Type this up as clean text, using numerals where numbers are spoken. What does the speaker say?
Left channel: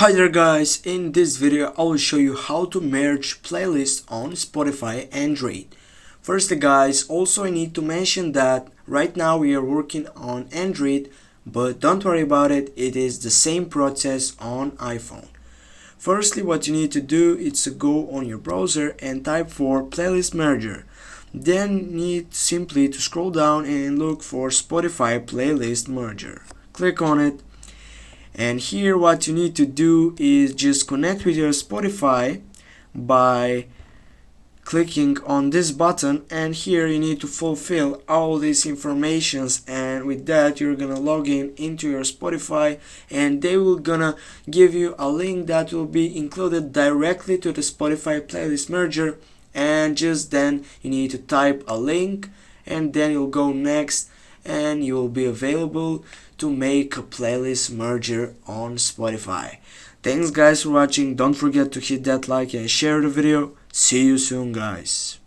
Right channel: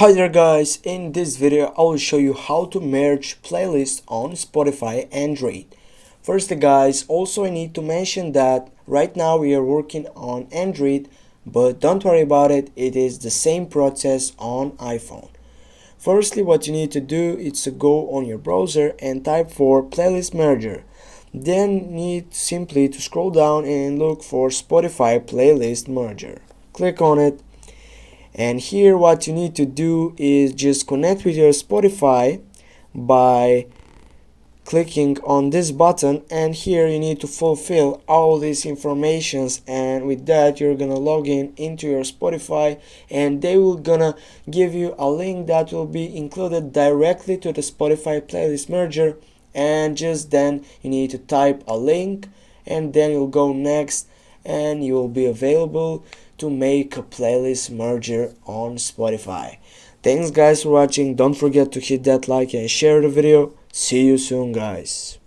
Hi there guys, in this video I will show you how to merge playlists on Spotify Android. First guys, also I need to mention that right now we are working on Android, but don't worry about it, it is the same process on iPhone. Firstly, what you need to do is to go on your browser and type for playlist merger. Then need simply to scroll down and look for Spotify playlist merger. Click on it. And here what you need to do is just connect with your Spotify by clicking on this button, and here you need to fulfill all these informations, and with that you're gonna log in into your Spotify and they will gonna give you a link that will be included directly to the Spotify playlist merger, and just then you need to type a link and then you'll go next and you will be available to make a playlist merger on Spotify. Thanks guys for watching. Don't forget to hit that like and share the video. See you soon guys.